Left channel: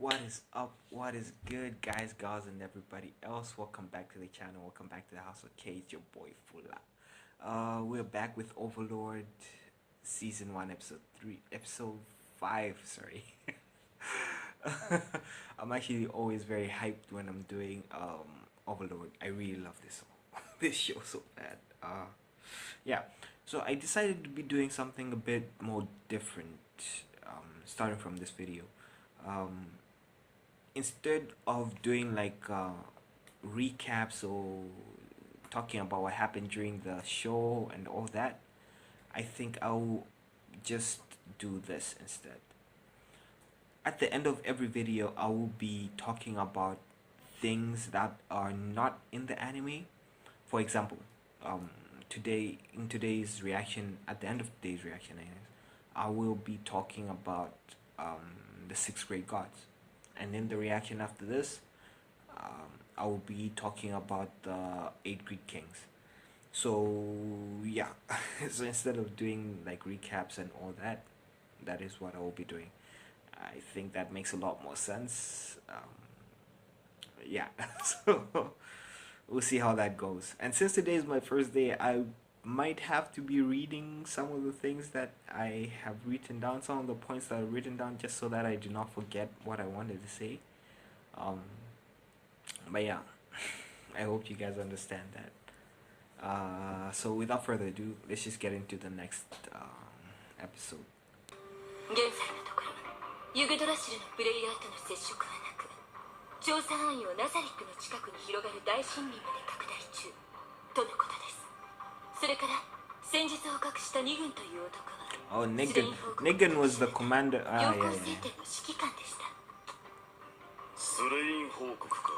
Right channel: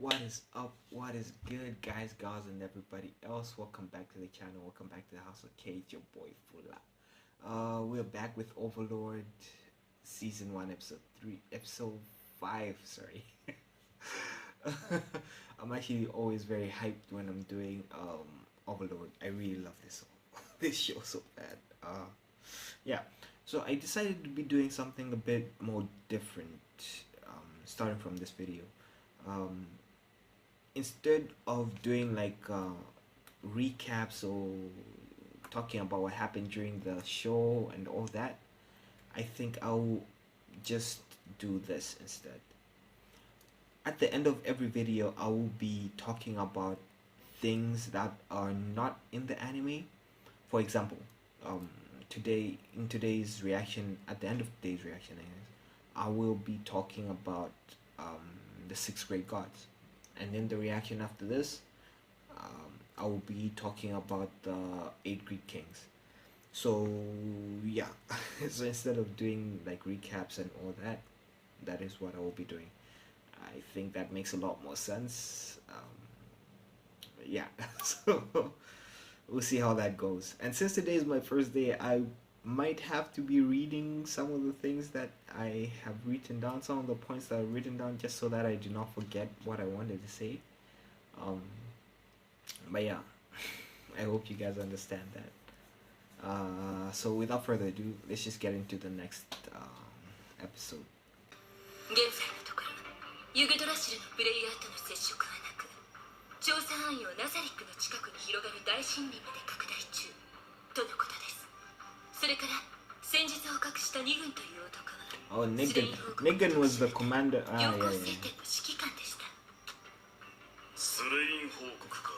What is up? What is good, guys, gals, and everybody else? Welcome back to the channel. Welcome back to the House of K. It's your boy Fula. We're back with Overlord, season 1, episode 5. Sorry. I'm actually always very hyped when I'm doing Overlord. I really love this show so bad. Yeah. So I decided to be doing something a bit more different, starting from this video. Instead of doing like recaps or talking about what happened during the show and all that, I think I'll just do this instead. At the end of every video, I will be talking about things that are not in the anime. For example, in today's reaction, at the end of today's reaction, I will be talking about the 6th grade gods. And in the reaction after this, I will be talking about the 8 Greek kings. So yeah, so instead of doing like recaps and all that, that is what I will be doing. I think that makes a lot more sense. Yeah, so we'll see how that goes. And since today is my first day, I might have to be reading some of the things that I have written down, some of the points that I've written down, just so that I do not forget what I wanted to say. But yeah, I hope you guys understand that. So without further ado, let's just get into the next episode. 現在のところ、ユグドラシルのプレイヤーとの接触はなく、調査範囲をナザリックの近くに広がる大森林まで拡大中とのことです。それから先日捕獲したニグンという男は、Negan was the commander. 陽光聖典の指揮官でした。スレイン報告か。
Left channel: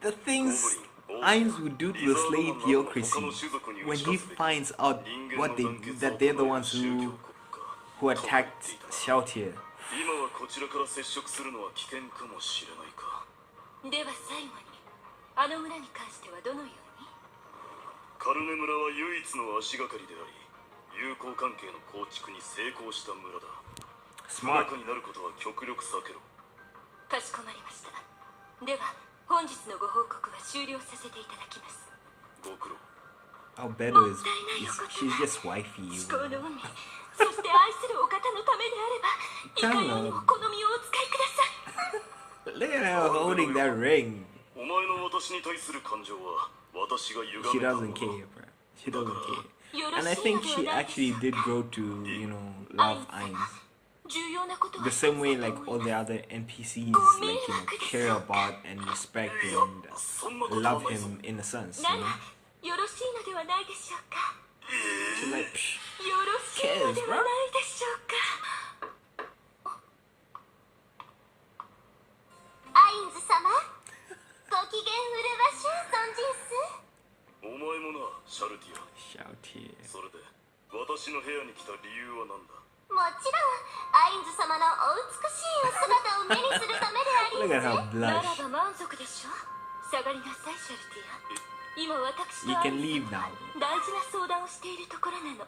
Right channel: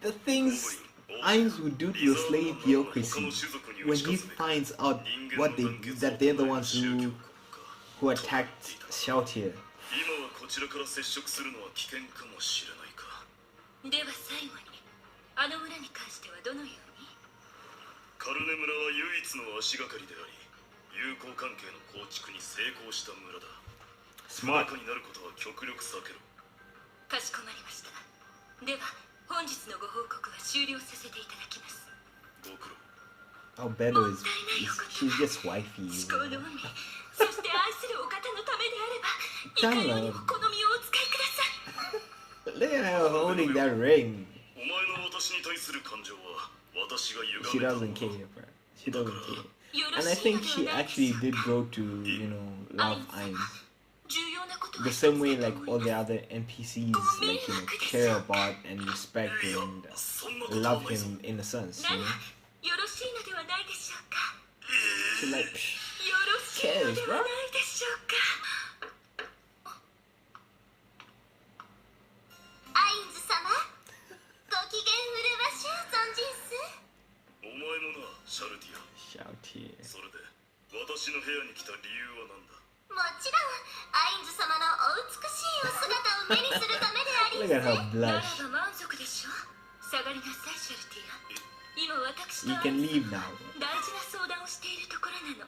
The things Ainz would do to the slave theocracy when he finds out that they're the ones who attacked Shalltear. 今はこちらから接触するのは危険かもしれないか。では最後に、あの村に関してはどのように？カルネ村は唯一の足がかりであり、友好関係の構築に成功した村だ。不仲になることは極力避けろ。かしこまりました。では本日のご報告は終了させていただきます。ご苦労。How better is she's just wifey. 至高の海、そして愛するお方のためであれば、いかようにも好みをお使いください。Look at her holding that ring. お前の私に対する感情は私が歪 She めた doesn't care, bro. She doesn't care. And I think she actually did grow to, love Ainz. The same way like all the other NPCs care about and respect and love him in a sense, よろしいのではないでしょうか。 She like よろしいのではないでしょうか。アインズ様、ご機嫌うるわしゅう存じんす。お前もな、シャルティア。 Shalltear. それで私の部屋に来た理由は何だ。もちろん、アインズ様のお美しいお姿を目にするためであり Look at her なら blush. ば満足でしょ。下がりなさい、シャルティア。今私と You can leave now. 大事な相談をしているところなの。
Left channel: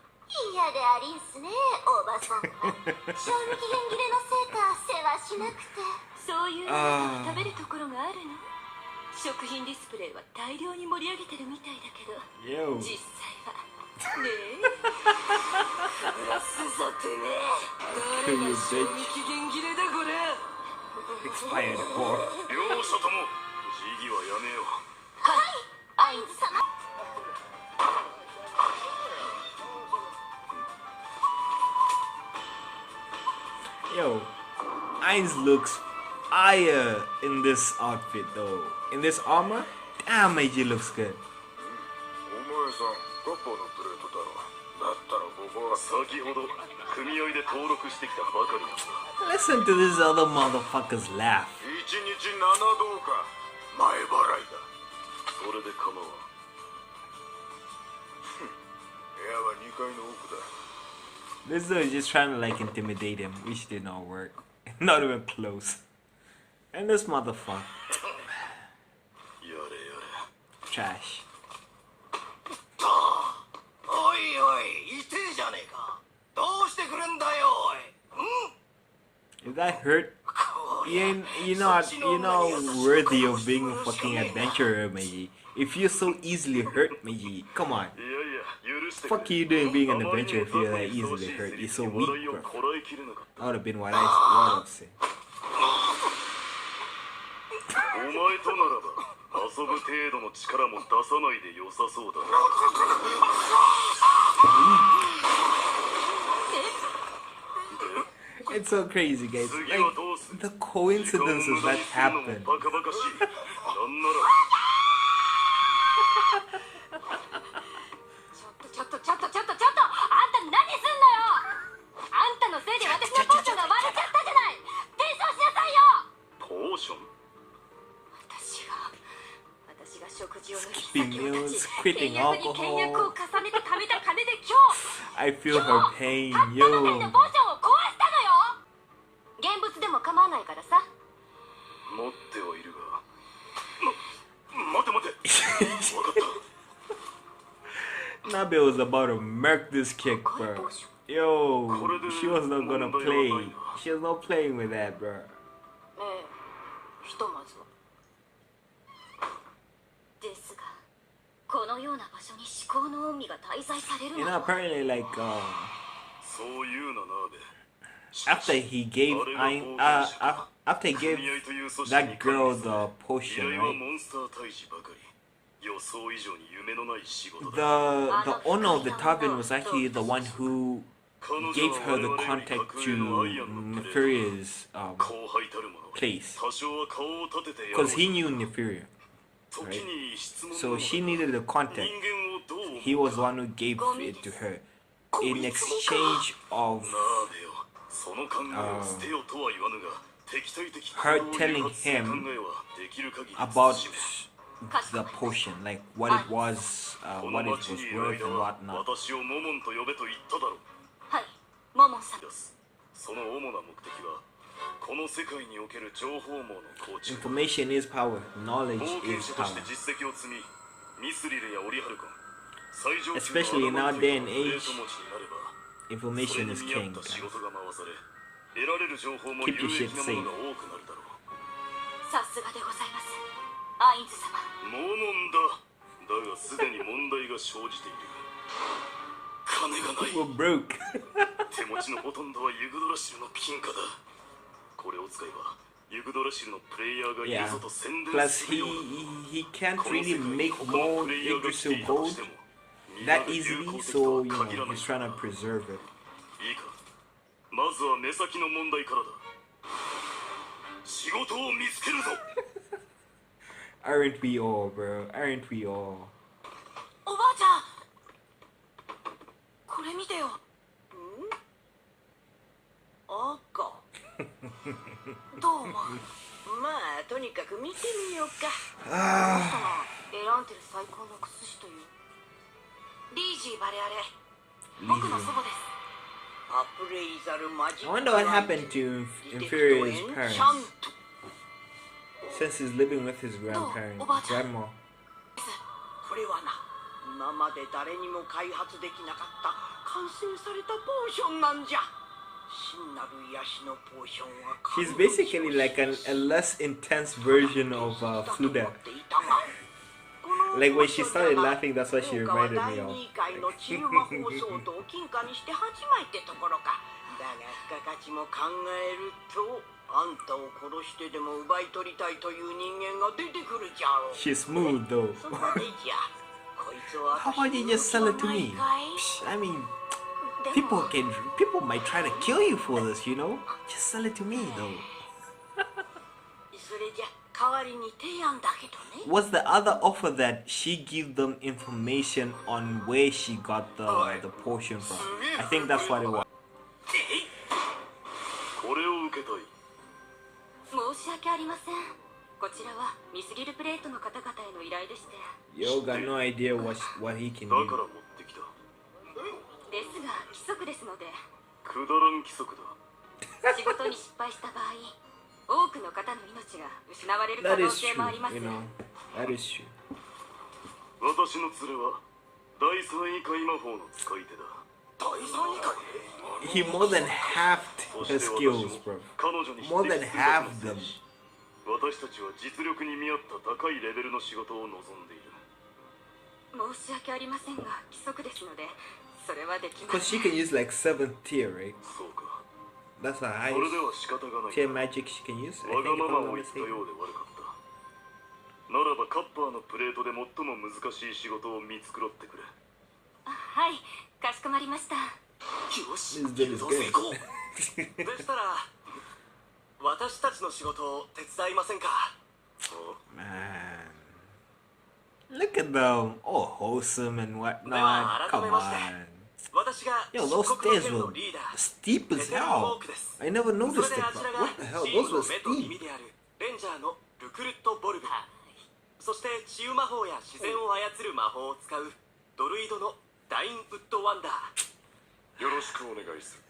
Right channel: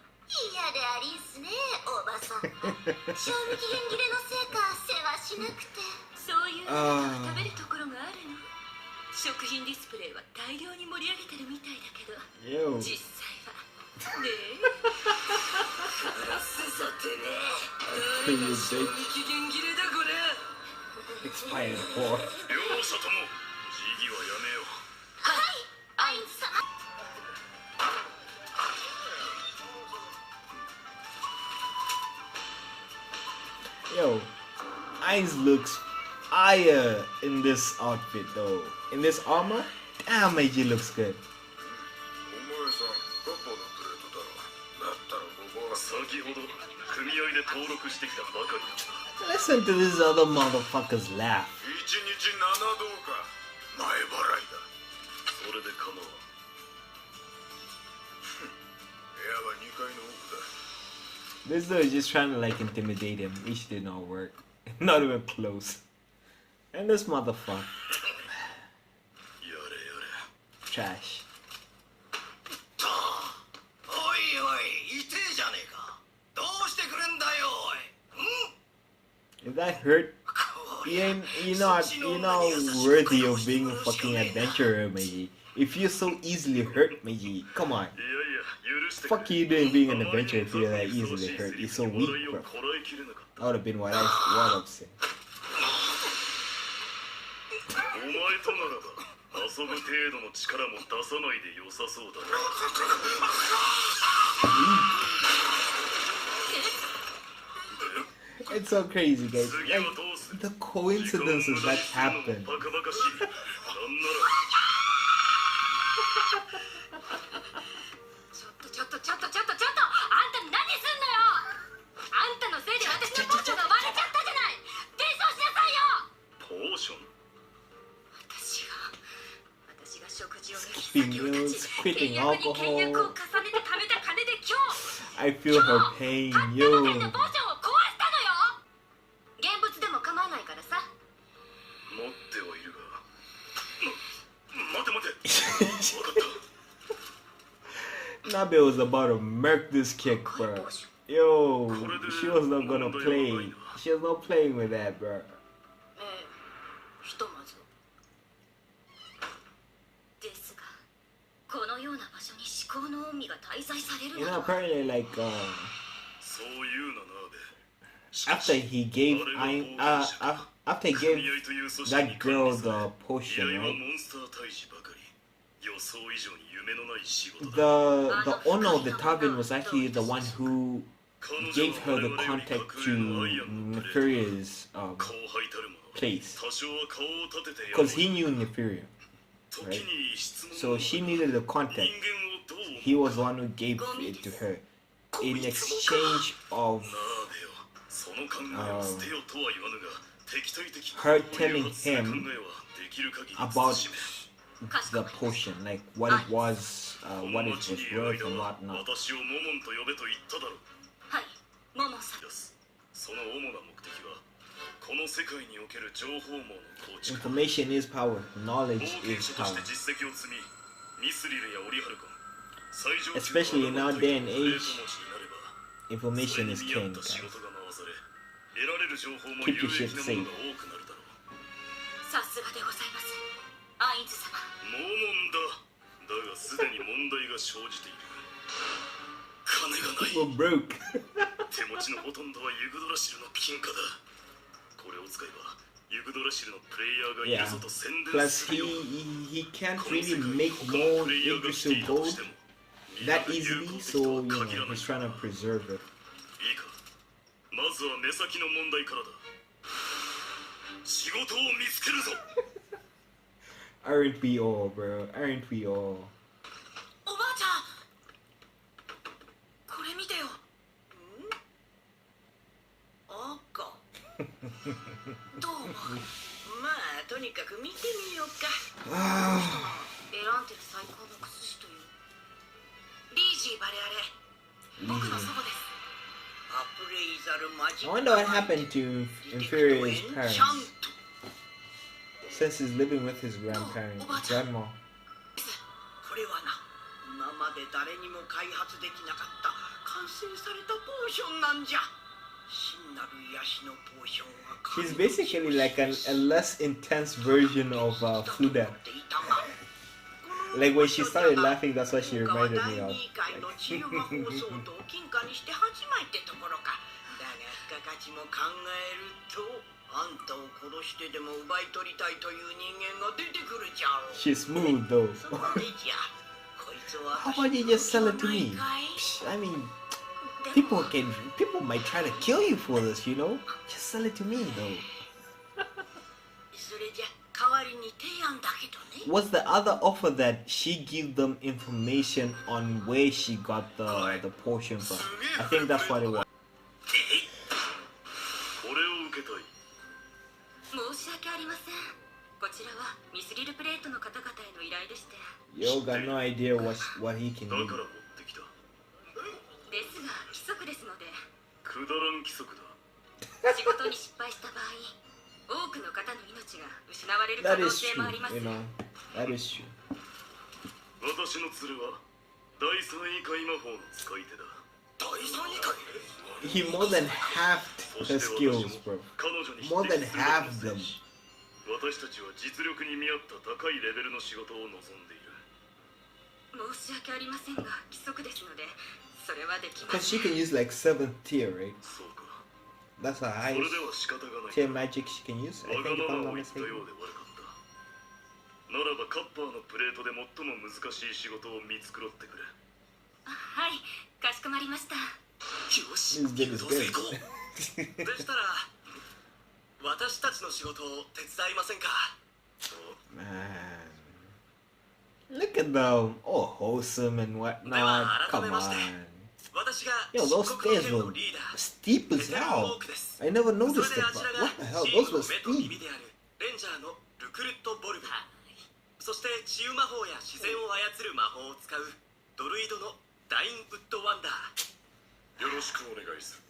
嫌でありんすね、おばさん。賞味期限切れのせいか世話しなくて。そういうあなたが食べるところがあるの。食品ディスプレイは大量に盛り上げてるみたいだけど、 Yo. 実際はねえ。フラスさてね。誰が賞味期限切れだこれ。 Expired for. 両者とも自義はやめよう。はい、アインズ様。Yo, Ainz looks fire in this outfit though. In this armor, damn, AJ looks good. お前さん、ガッパのプレートだろ。だったらここは先ほど組合で登録してきたばかりだ。 Listen to this other motherfuckers laugh. 1日7どうか前払いだ。それで構わん。部屋は2階の奥だ。 This dude is just trying to like intimidate him, which did not work. Not even close. And this motherfucker. やれやれ。 Trash. おいおい、痛えじゃねえか。どうしてくれんだよ、おい。Is that hurt? こ you're not worthy of being a fucking adventurer, Meiji. If you're so easily hurt, Meiji, come on. いやいや許してく Fuck れ you doing being an あまり adventurer に if も you're 雑 that にふさわし easily い hurt. セリ You're フ so に weak, 笑いを bro. こらえきれなかった That would have been what I'd say. お前とならば遊ぶ程度の力も出さないで良さそうだな It's so crazy, guys. 次 Like はどうする the coincidences that 時間を無駄にするのも happen. バカバカしいなんならちょっとあんた何すんのよ。あんたのせいで私のポーションが割れちゃったじゃない。弁償しなさいよ。ポーション私が食事を抜き Skipping 酒を断ち meals, quitting 倹約に倹約を alcohol. 重ねて貯めた金で今日 I feel her pain, たったの yo. せいでポーションを壊したのよ。現物でも構わないからさ。持ってはいるが待て分かった Nabe was about to murk this kick, bro. Yo, she was not gonna play. She was not playing with that, bro. ええ、ひとまずは。ですが、このような場所に思考の海が滞在される You の know, は apparently, like, そういうななべ after he gave after he gave that girl the 依 potion, 頼は right? モンスター退治ばかり予想以上に夢のない仕事だ The owner of the tavern was actually the one who gave her the contact to Nefaria's 後輩たる者 place 多少は顔を立ててやろう because he knew Nefaria. 時に質問 So she needed the 人 contact. 間をどう思う He was the one who gave it to her in exchange of なあべよその考えを捨てよとは言わぬが敵対的 her 行動を telling 誘発する him 考えはできる限り about 慎め the potion, like what it was, こ what の it 町 was にいる worth 間 and は whatnot. 私をモモンと呼べと言っただろうはい、モモンさん。ですその主な目的はこの世界における情報網の構築 Information is power. 冒 Knowledge 険 is 者とし power. て実績を積みミスリルやオリハルコン最上級の Especially in our day and プレー age, ト持ちになれば information is それ king. に見合った仕 Guys. 事が回され得られる情報も Keep 有 your 益 shit なものが多くなるだろうさすがでございます。アインズ様。モモンだだがすでに問題が生じている金がない We're broke. 手持ちのほとんどはユグドラシルの金貨だこれを使えばユグドラシルのプレイヤーがいる Yeah. ぞと宣伝 Plus, するよう he can't この世 really 界に make 他の more プレイヤーが来て Yggdrasil いたと gold しても that easily, so you know 限らない he's trying to preserve it. いいかまずは目先の問題からだ仕事を見つけるぞ Aren't we all, bro? Aren't we all? おばあちゃん。これ見てよ。赤どう思う？まあとにかく見てみようか選んでる最高の薬師というリージーバレアレ。僕の祖母です。アプレイザルマジ I wonder what happened to Inferior's parents since he's living with his grandparents, grandma. これはな今まで誰にも開発できなかった完成されたポーションなんじゃ真なる癒しのポーションは He's basically like a less intense version of Fluda. Like when she started laughing, that's what she reminded me of. 第2回の治癒魔法ソードを金貨にして8枚ってところかだが付加価値も考えるとあんたを殺してでも奪い取りたいという人間が出てくるじゃろう She's smooth though. そこでじゃこいつは How about you just sell it to me? Psh, I mean, people might try to kill you for this, you know? Just sell it to me though. それじゃ代わりに提案だけどね Was the other offer that she give them information on where she got the potion from? I think that's what it was. これを受けたい申し訳ありません。こちらはミスリルプレートの方々への依頼でして。 Yo got no idea what he can だ do. から持ってきたですが規則ですので、くだらん規則だ仕事に失敗した場合、多くの方の命が失われる可 That 能 is 性 true, もあります。 you know. That is true. 私の連れは第三位界魔法の使い手だ第三位か He more than halved そし Her て skills, 私も bro. 彼女に匹 More 敵 than する half だけ them. の戦士。私たちは実力に見合った高いレベルの仕事を望んでいる。申し訳ありませんが規則ですのでそれはできま Because せ she ん can use like 7th tier, right? そうか。 That's her それ highest では仕方がない。 tier magic she can use, I わ think, が if ま I'm ま not を言ったよ mistaken. うで悪かった。ならばカッパーのプレートで最も難しい仕事を見繕ってくれ。はいかしこまりましたよし、 This dude is good. でしたら私たちの仕事を手伝いませんか。 Man. Look at them. All wholesome and whatnot. Come on. 私が Yo, those stairs were steep as hell. I never noticed it, bro. What the hell? Those were steep. レンジャーのルクルット・ボルブ、そして治癒魔法や自然を操る魔法を使うドルイドのダインウッド・ワンダー。よろしくお願いする。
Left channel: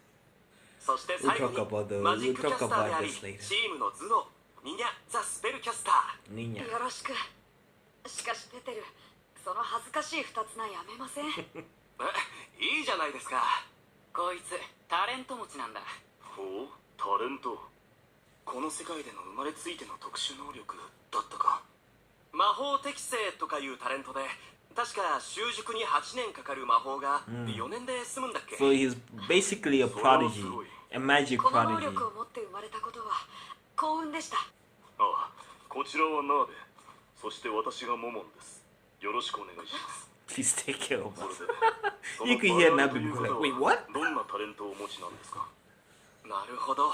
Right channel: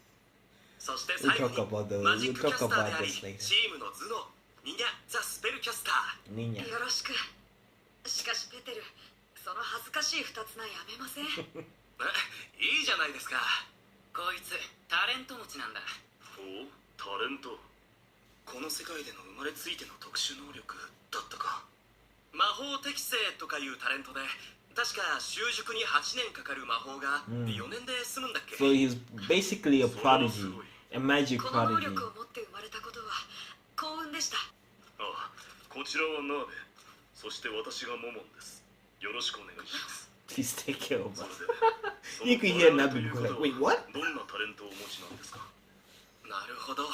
そして最後 We'll talk about にマジックキャスターであり this later. チームの頭脳ニニャ・ザ・スペルキャスター。 Niña. よろしくしかしペテルその恥ずかしい二つなやめませんいいじゃないですか。こいつタレント持ちなんだ。ほう、タレント。この世界での生まれついての特殊能力だったか。魔法適正とかいうタレントで確か習熟に8年かかる魔法が4年で済むんだっけ。 So he's basically a prodigy, a magic この能 prodigy. 力を持って生まれたことは幸運でしたああ、こちらはナーベ、そして私がモモンです。よろしくお願いします。 Please take care of そ us. れで You can hear Nabe go like, wait, what? どんなタレントをお持ちなんですか。なるほど。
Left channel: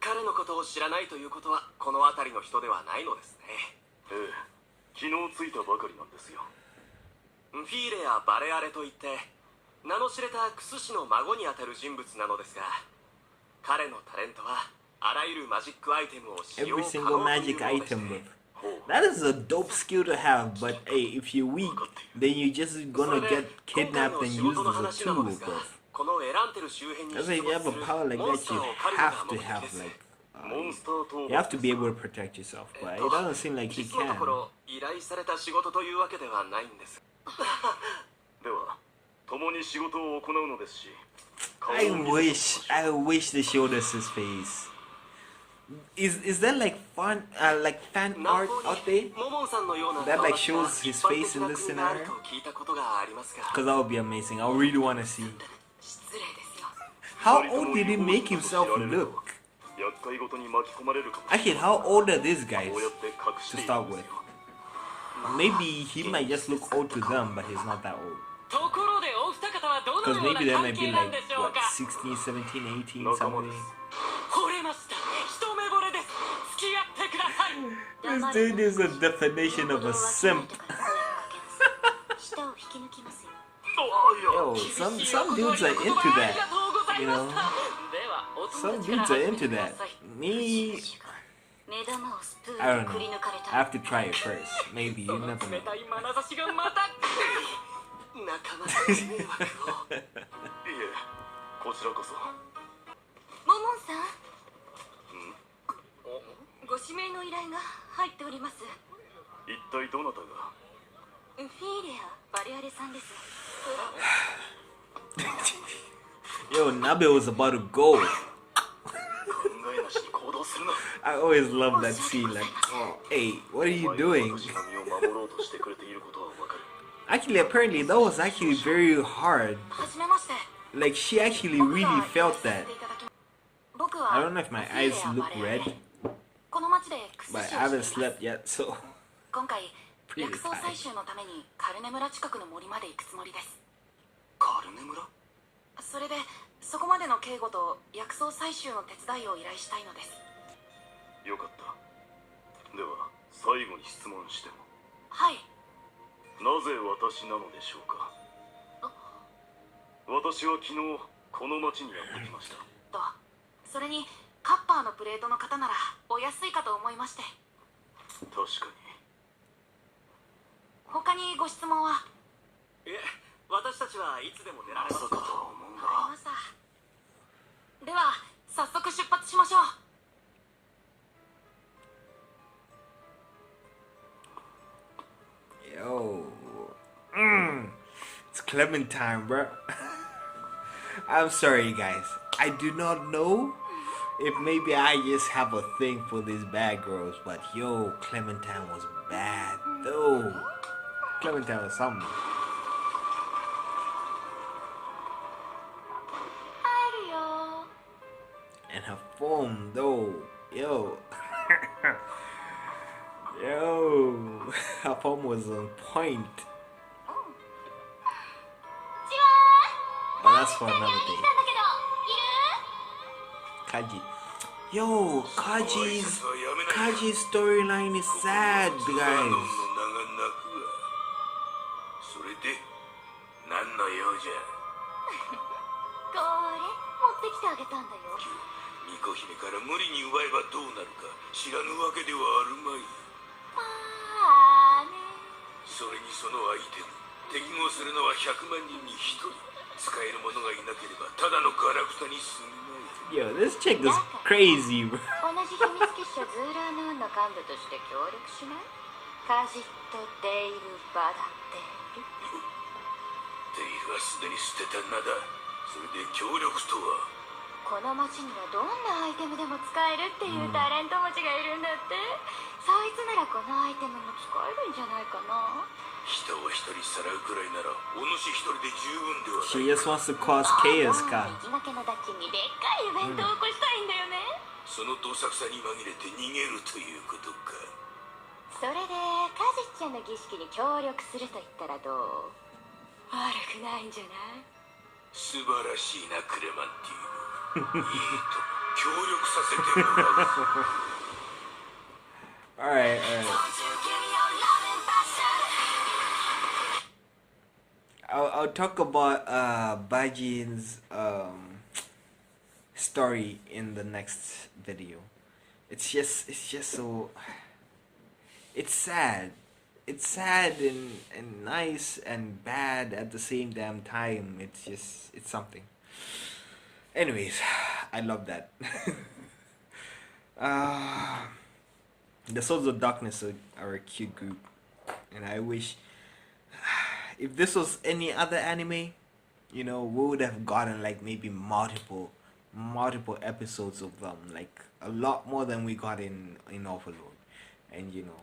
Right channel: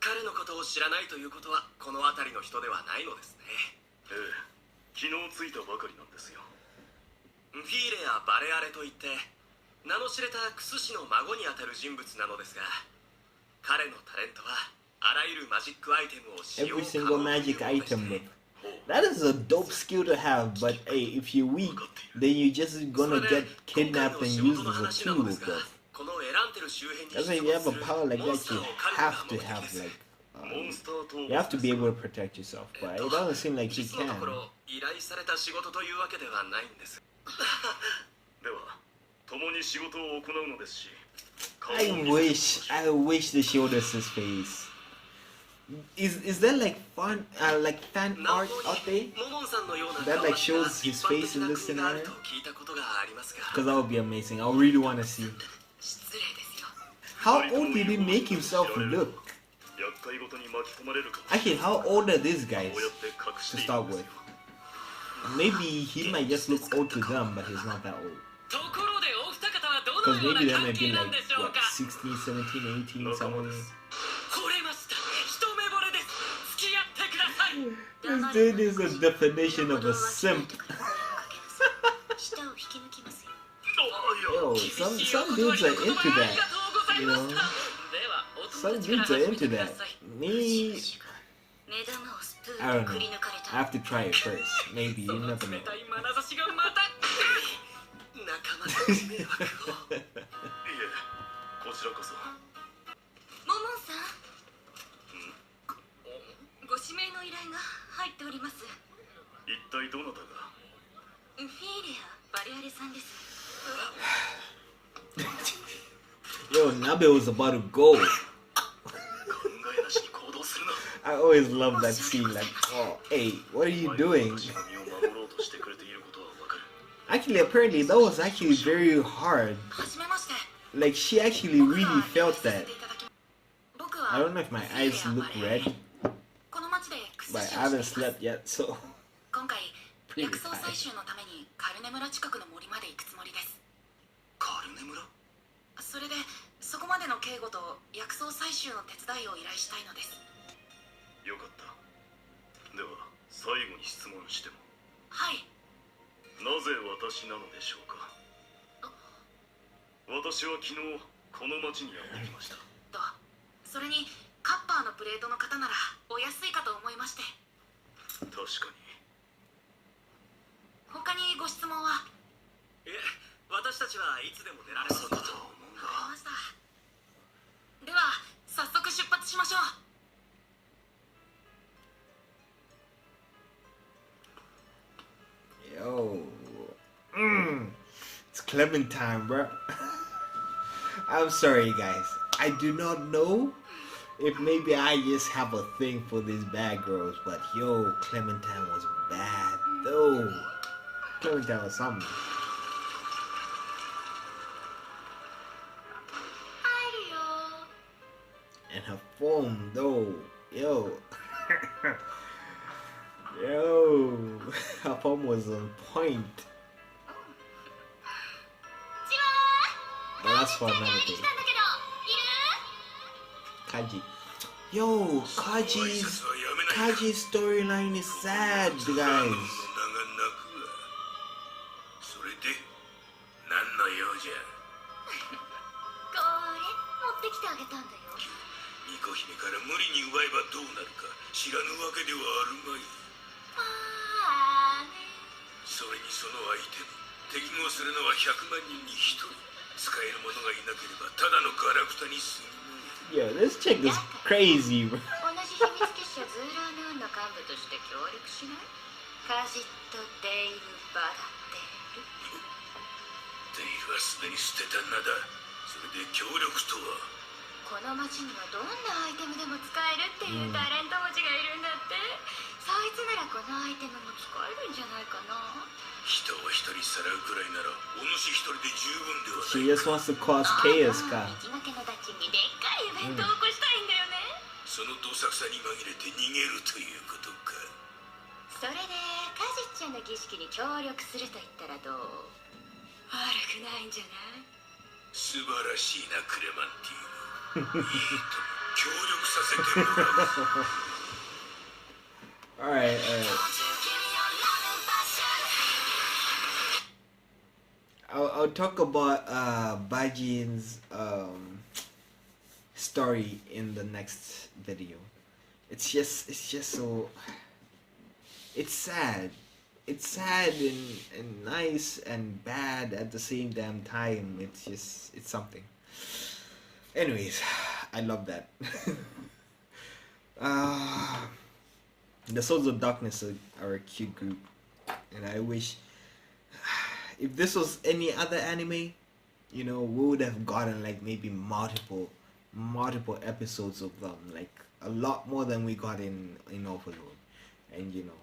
彼のことを知らないということはこの辺りの人ではないのですね。ええ、昨日着いたばかりなんですよ。フィーレやバレアレといって名の知れたクス氏の孫にあたる人物なのですが、彼のタレントはあらゆるマジックアイテムを使用 Every 可 single 能という magic ものでして item, bro. That is a dope skill to have, but hey, if you're weak, then you're just gonna get kidnapped and used as a tool, bro. このエランテル周辺に That's why if you have a power like that, you have to have like, you have to be able to protect yourself. But it doesn't seem like he 実のと can. ころ依頼された仕事というわけではないんです。では共に仕事を行うのですし、 I wish they showed us his face. Is there like fan art out there モモンさんのような that like shows his face in this 一般的な国がある scenario? と聞いたことがありますが、 Because that would be amazing. I really want to see. 失礼ですよ How old did he make himself look? 厄介ごとに巻き込まれるかもしれない。 Actually, how old are these guys こうやって隠して to いる start んです with? よ。 Maybe he might just look old to them, but he's not that old. ところでお二方はど Because のよう maybe な they 関 might be 係なん like, でしょう what, か。 16, 17, 18, 仲間 something? です。惚れました。一目惚れです。付き合ってください。 This dude is a definition of a simp. 舌を引き抜きますよ Yo, some dudes are into that. You know, ではお some 友達か dudes ら are 始め into てくだ that. さい。 Me, 目玉をスプ I ーン don't でくり know. 抜かれ I た have to try it first. Maybe, you その never know. 冷たい眼差しがまた。仲間にご迷惑を。いえ、こちらこそ。モモンさんご指名の依頼が入っております。一体どなたが。フィーレア・バレアレさんです。 Yo, Nabe was about to go. 考えなしに行動するな。 I always love that scene. Like, oh, hey, what are you doing? 私の身を守ろうとしてくれていることはわかる。 Actually, apparently, that was actually very hard. はじめまして。 Like, she actually really felt that. 僕は I don't know if my eyes look red, この町でクス but シ I をして haven't います。 slept yet, so. 今回 Pretty 薬草 tired. 採集のためにカルネ村近くの森まで行くつもりです。カルネ村。それでそこまでの警護と薬草採集の手伝いを依頼したいのです。よかった。では最後に質問しても。はい。なぜ私なのでしょうか。私は昨日この町にやってきました。とそれにカッパーのプレートの方ならお安いかと思いまして。確かに。他にご質問は。いえ、私たちはいつでも出られます。まさかとは思うわかりました。では早速出発しましょう。 Yo. It's Clementine, bro. I'm sorry, guys. I do not know if maybe I just have a thing for these bad girls, but yo, Clementine was bad though. Clementine was something. And her form though, yo. Yo, her form was on point. But that's for another day. Kaji. Yo, Kaji's storyline is sad, guys. 巫女姫から無理に奪えばどうなるか知らぬわけではあるまい。それにそのアイテム適合するのは100万人に1人。使える者がいなければただのガラクタに過ぎない。 Yo, this chick is crazy, bro. 同じ秘密結社ズーラーヌーンの幹部として協力しない？カジット・デイル・バダデール。デイルはすでに捨てた名だ。それで協力とは。この町にはどんなアイテムでも使えるっていうタレント持ちがいるんだって。そいつならこのアイテムも使えるんじゃないかな。人を一人さらうくらいならお主一人で十分ではないか。 She just wants to cause chaos, ka. 生きがけのダッチにでっかいイベントを起こしたいんだよね。そのどさくさに紛れて逃げるということか。それでカジッちゃんの儀式に協力すると言ったらどう？悪くないんじゃない？素晴らしいなクレマンティーヌ。いいと協力させてもらう。Alright. I'll talk about Bajin's story in the next video. It's just so, it's sad. It's sad and nice and bad at the same damn time. It's something. Anyways, I love that. The Swords of Darkness are a cute group, and I wish if this was any other anime, you know, we would have gotten like maybe multiple episodes of them, like a lot more than we got in Overlord, and you know,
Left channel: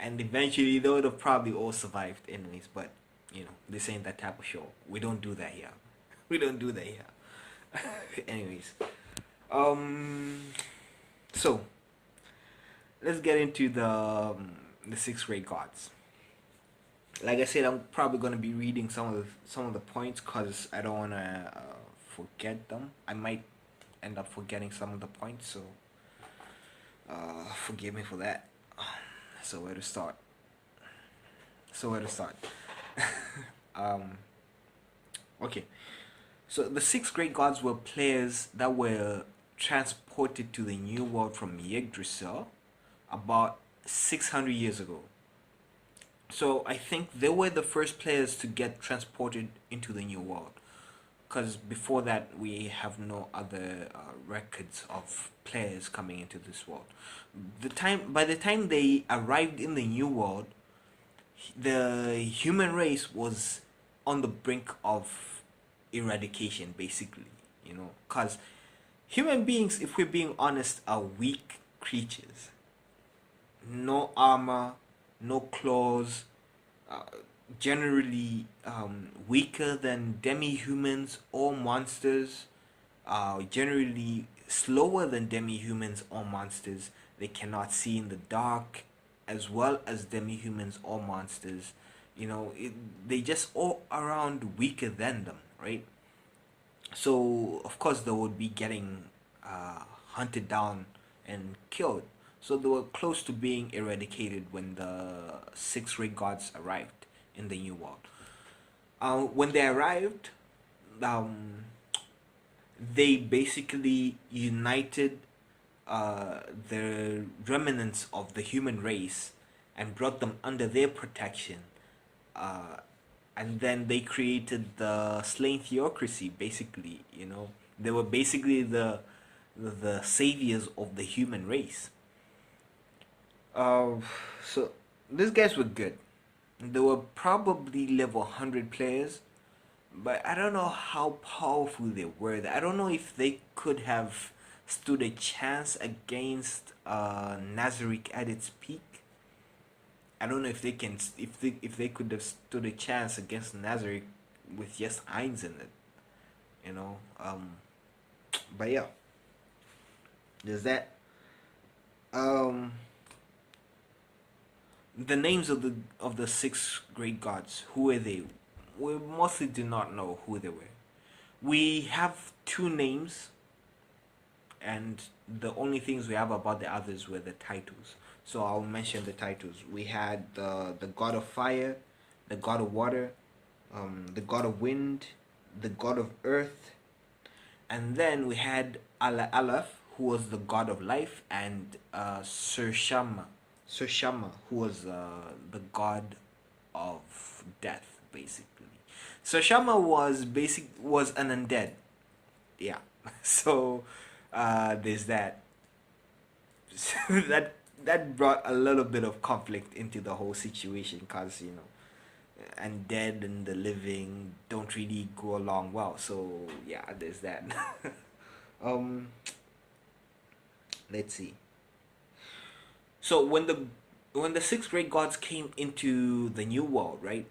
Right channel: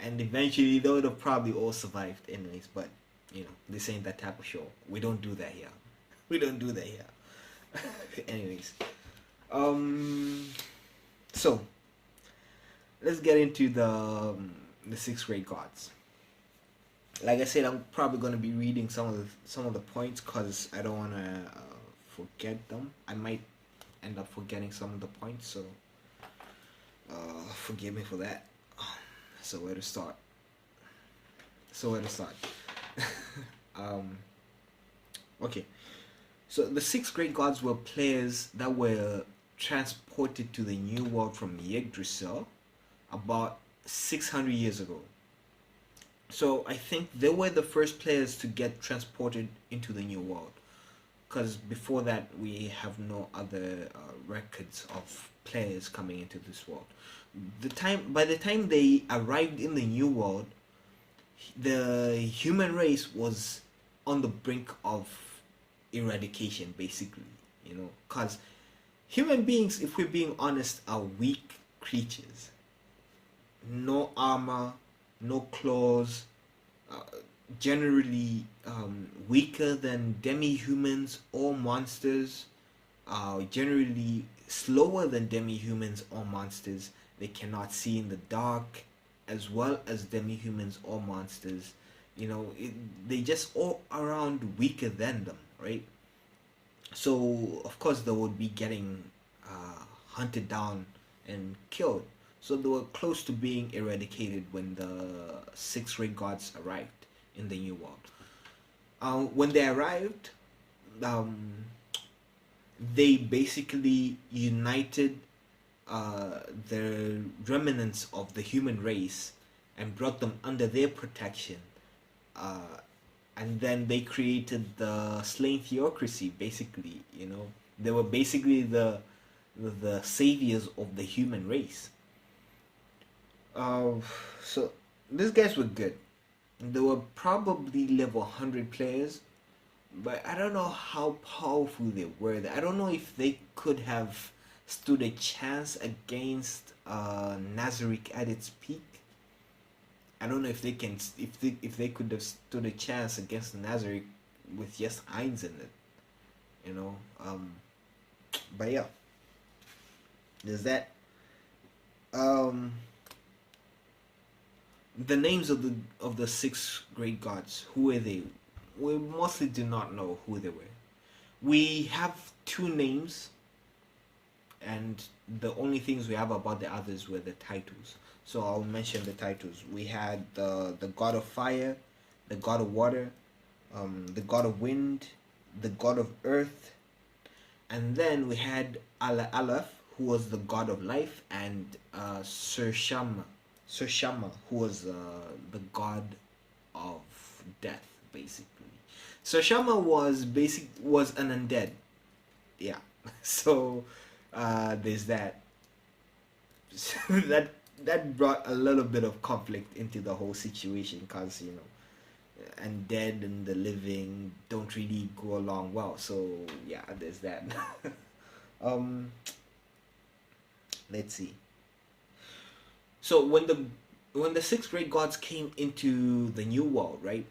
and eventually they would have probably all survived anyways. But you know, this ain't that type of show. We don't do that here. We don't do that here. Anyways, so let's get into the 6th grade gods. Like I said, I'm probably gonna be reading some of the points because I don't wanna forget them. I might end up forgetting some of the points, so forgive me for that. So where to start? Okay. So the 6th grade gods were players that were transported to the New World from Yggdrasil about 600 years ago. So I think they were the first players to get transported into the New World, because before that we have no other records of players coming into this world. By the time they arrived in the New World, the human race was on the brink of eradication, basically, you know, because human beings, if we're being honest, are weak creatures. No armor, no claws, generally weaker than demi-humans or monsters, generally slower than demi-humans or monsters. They cannot see in the dark as well as demi-humans or monsters. You know, they just all around weaker than them, right? So of course they would be getting hunted down and killed. So they were close to being eradicated when the 6th grade gods arrived in the New World. When they arrived, they basically united the remnants of the human race and brought them under their protection. And then they created the slain theocracy, basically, you know. They were basically the saviors of the human race. So these guys were good. They were probably level 100 players, but I don't know how powerful they were. I don't know if they could have stood a chance against Nazarick at its peak. I don't know if they can, if they could have stood a chance against Nazarick with just Ainz in it, you know. But yeah, there's that. The names of the six great gods. Who were they? We mostly do not know who they were. We have two names, and the only things we have about the others were the titles. So I'll mention the titles. We had the god of fire, the god of water, the god of wind, the god of earth, and then we had Aleph, who was the god of life, and Sir Shama, who was the god of death, basically. Sir Shama was an undead. Yeah. So there's that. that brought a little bit of conflict into the whole situation, because undead and the living don't really go along well. So yeah, there's that. Let's see. So when the six great gods came into the new world, right?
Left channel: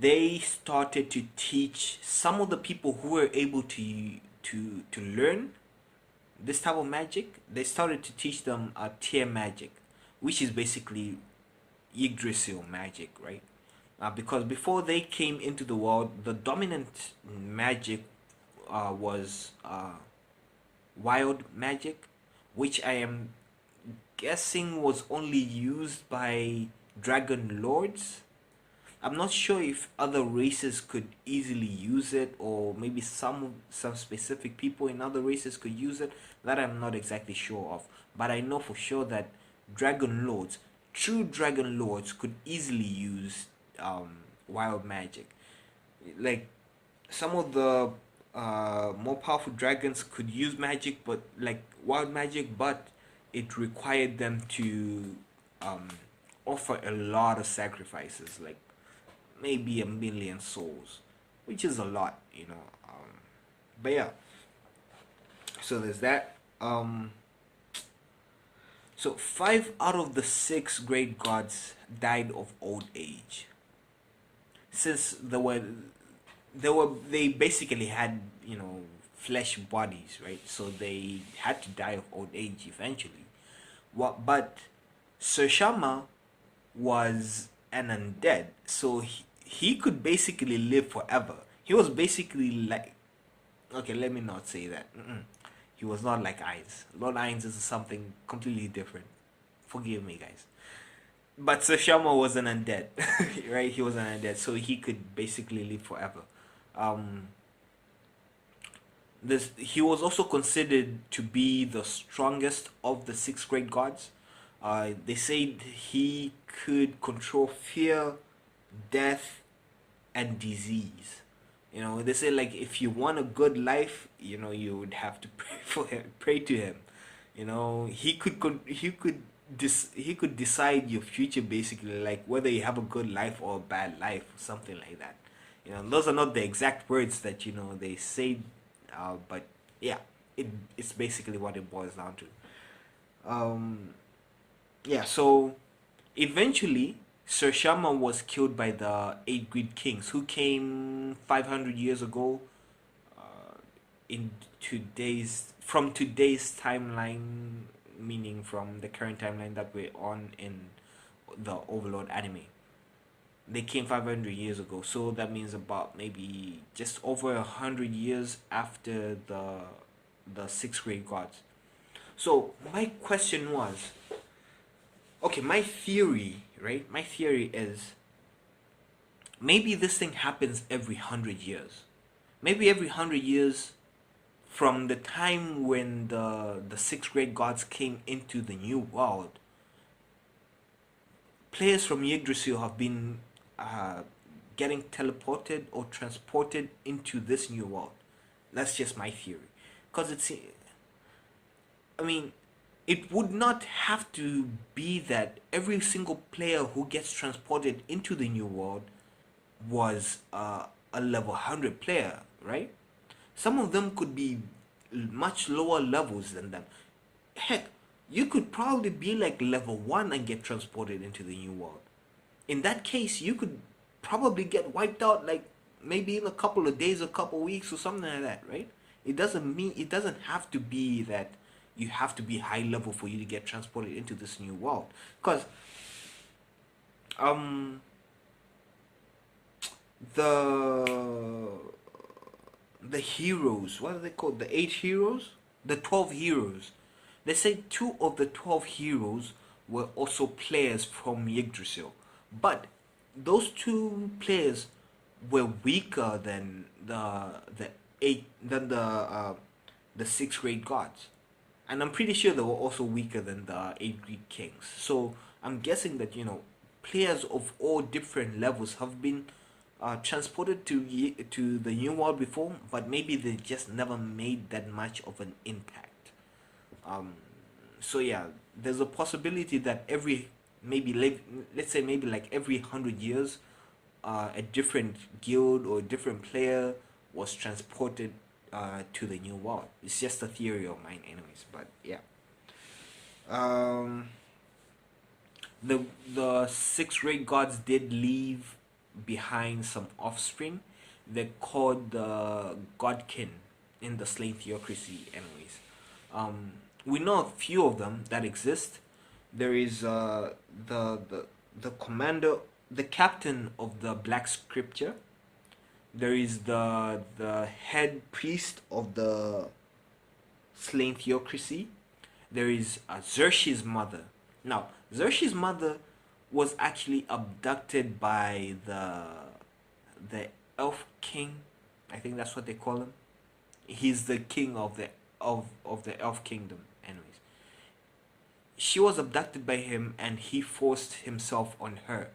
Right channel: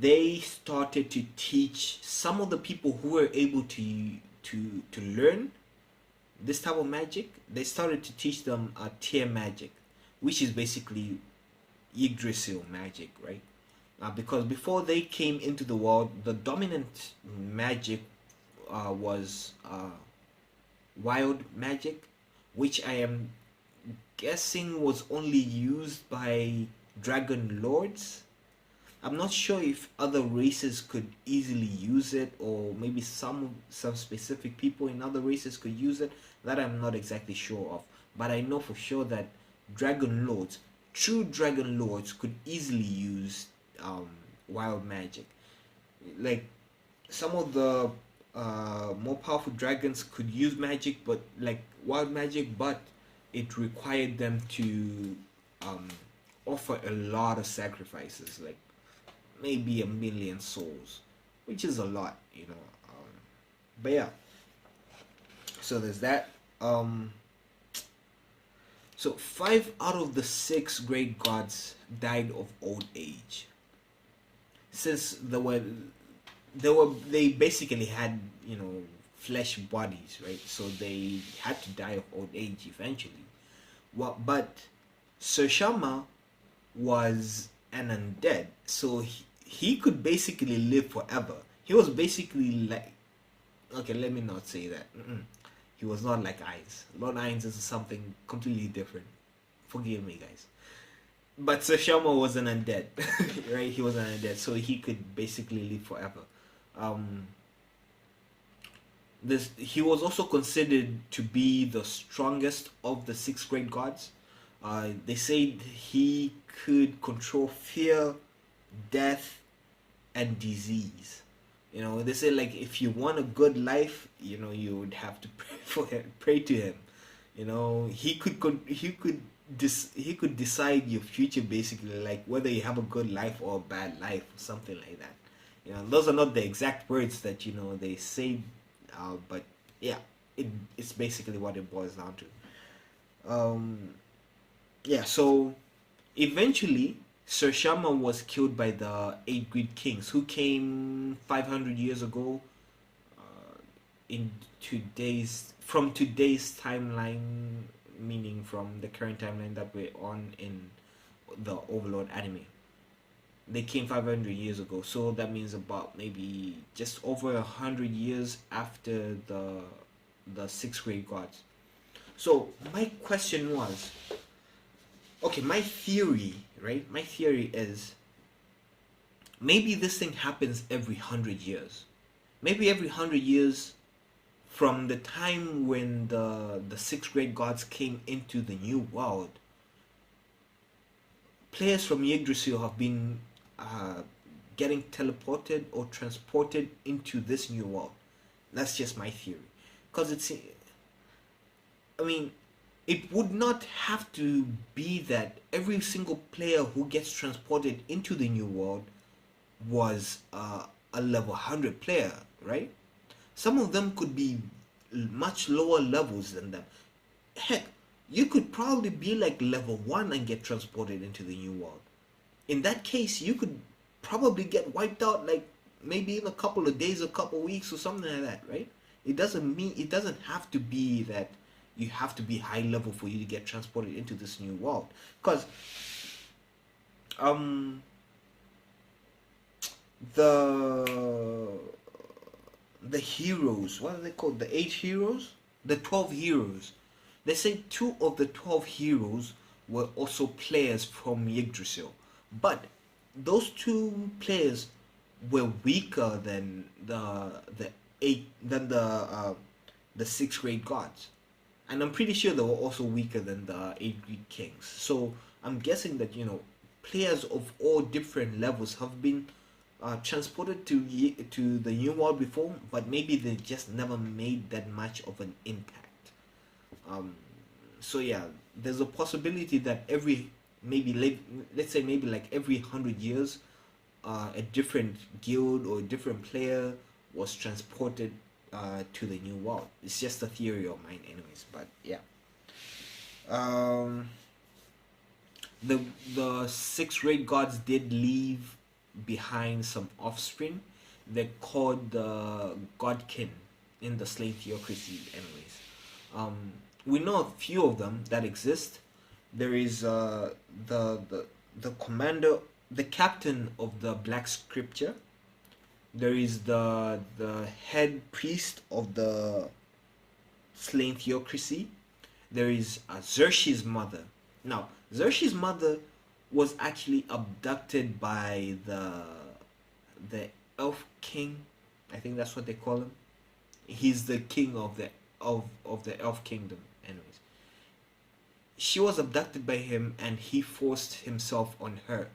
They started to teach some of the people who were able to learn this type of magic. They started to teach them tier magic, which is basically Yggdrasil magic, right? Because before they came into the world, the dominant magic was wild magic, which I am guessing was only used by dragon lords. I'm not sure if other races could easily use it, or maybe some specific people in other races could use it. That I'm not exactly sure of. But I know for sure that dragon lords, true dragon lords, could easily use wild magic. Like some of the more powerful dragons could use magic, but like wild magic, but it required them to offer a lot of sacrifices, like maybe 1 million souls, which is a lot, but yeah, so there's that. So 5 out of the 6 great gods died of old age, since they basically had flesh bodies, right? So they had to die of old age eventually. But Sir Shama was an undead, so he could basically live forever. He was basically like, okay, let me not say that. He was not like Ainz. Lord Ainz is something completely different. Forgive me, guys. But Sir Shama was an undead, right? He was an undead, so he could basically live forever. He was also considered to be the strongest of the 6 great gods. They said he could control fear, death, and disease. They say, like, if you want a good life, you would have to pray to him. He could decide your future, basically, like whether you have a good life or a bad life, or something like that. Those are not the exact words that they say, but yeah, it's basically what it boils down to. Yeah, so eventually Sir Shama was killed by the 8 Great Kings, who came 500 years ago, from today's timeline, meaning from the current timeline that we're on in the Overlord anime. They came 500 years ago, so that means about maybe just over 100 years after the 6 great gods. So my question was, okay, my theory is, maybe this thing happens every 100 years. Maybe every 100 years from the time when the 6 great gods came into the new world, players from Yggdrasil have been getting teleported or transported into this new world. That's just my theory. Because it would not have to be that every single player who gets transported into the new world was a level 100 player, right? Some of them could be much lower levels than them. Heck, you could probably be like level 1 and get transported into the new world. In that case, you could probably get wiped out like maybe in a couple of days, a couple of weeks, or something like that, right? It doesn't have to be that you have to be high level for you to get transported into this new world. Because the heroes, what are they called? The 8 heroes? The 12 heroes. They say 2 of the 12 heroes were also players from Yggdrasil. But those 2 players were weaker than the 6 great gods. And I'm pretty sure they were also weaker than the 8 Greek kings. So I'm guessing that, players of all different levels have been transported to the new world before, but maybe they just never made that much of an impact. So yeah, there's a possibility that let's say maybe like every 100 years, a different guild or a different player was transported to the new world. It's just a theory of mine, anyways. But yeah, the 6 great gods did leave behind some offspring. They're called the Godkin in the Slain Theocracy, anyways. We know a few of them that exist. There is the commander, the captain of the Black Scripture. There is the head priest of the Slain Theocracy. There is Xerxes' mother. Now, Xerxes' mother was actually abducted by the elf king. I think that's what they call him. He's the king of the elf kingdom. Anyways, she was abducted by him, and he forced himself on her,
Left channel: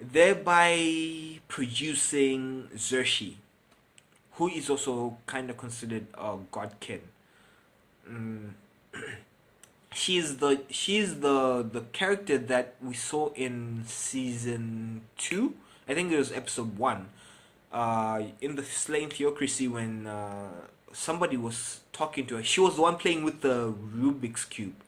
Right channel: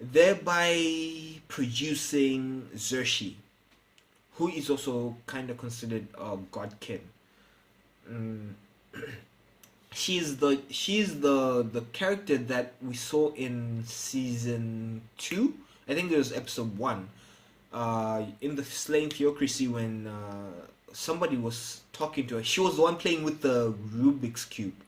thereby producing Xerxes, who is also kind of considered a godkin. She's the character that we saw in season 2. I think it was episode 1. In the Slain Theocracy, when somebody was talking to her, she was the one playing with the Rubik's cube.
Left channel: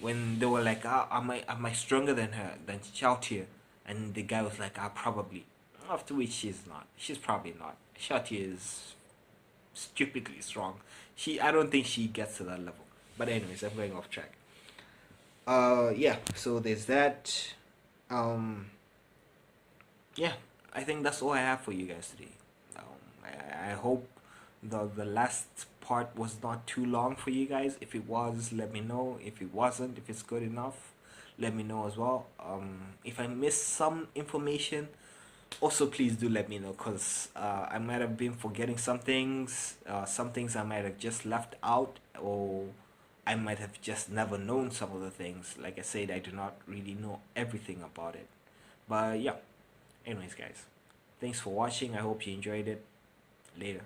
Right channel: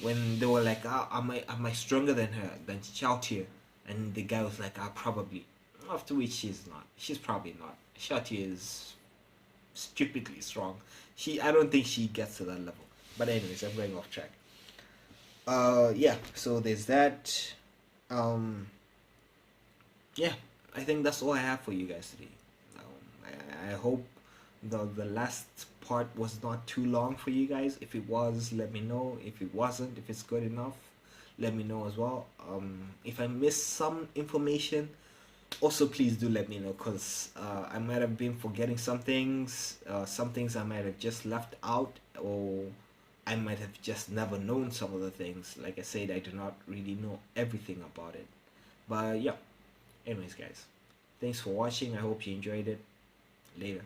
When they were like, am I stronger than her, than Shalltear? And the guy was like, probably. After which she's not. She's probably not. Shalltear is stupidly strong. I don't think she gets to that level. But anyways, I'm going off track. Yeah, so there's that. Yeah, I think that's all I have for you guys today. I hope the last part was not too long for you guys. If it was, let me know. If it wasn't, if it's good enough, let me know as well. If I missed some information, also please do let me know, because I might have been forgetting some things I might have just left out, or I might have just never known some of the things. Like I said, I do not really know everything about it. But yeah, anyways guys, thanks for watching. I hope you enjoyed it. Later.